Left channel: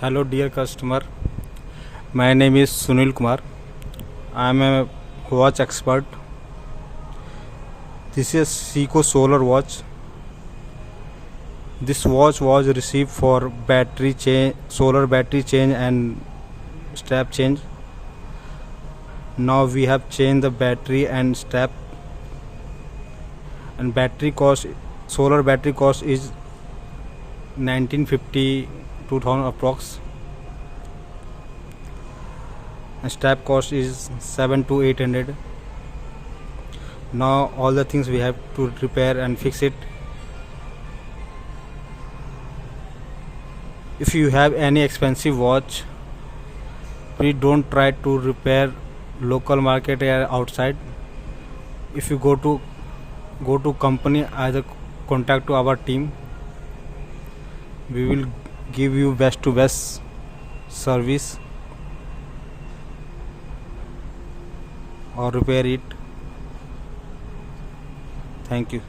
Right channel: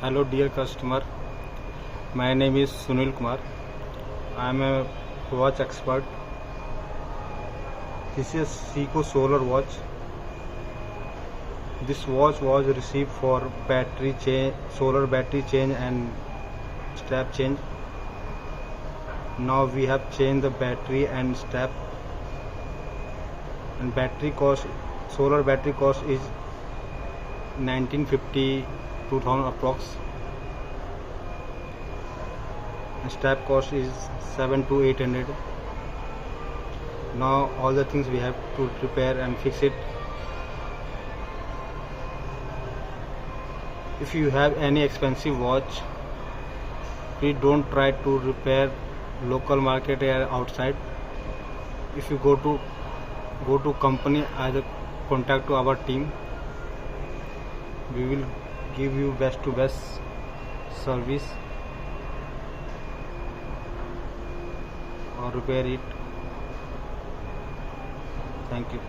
Hello dear customer, my name is Sunil Kumar. I am a watch expert. This is Seiko solar watch. This watch was received for battery change, solar battery change and strap change. Now we have changed the battery and strap, and battery cost, solar battery cost is 1950 2000 approx, and strap cost is 7 to 800. Now all the things we have to repair and fix it. If you have any expensive watch, please don't try to repair local market or outside. If you go to company, either contact to our team. We will give you best to best service or repair it. Thank you.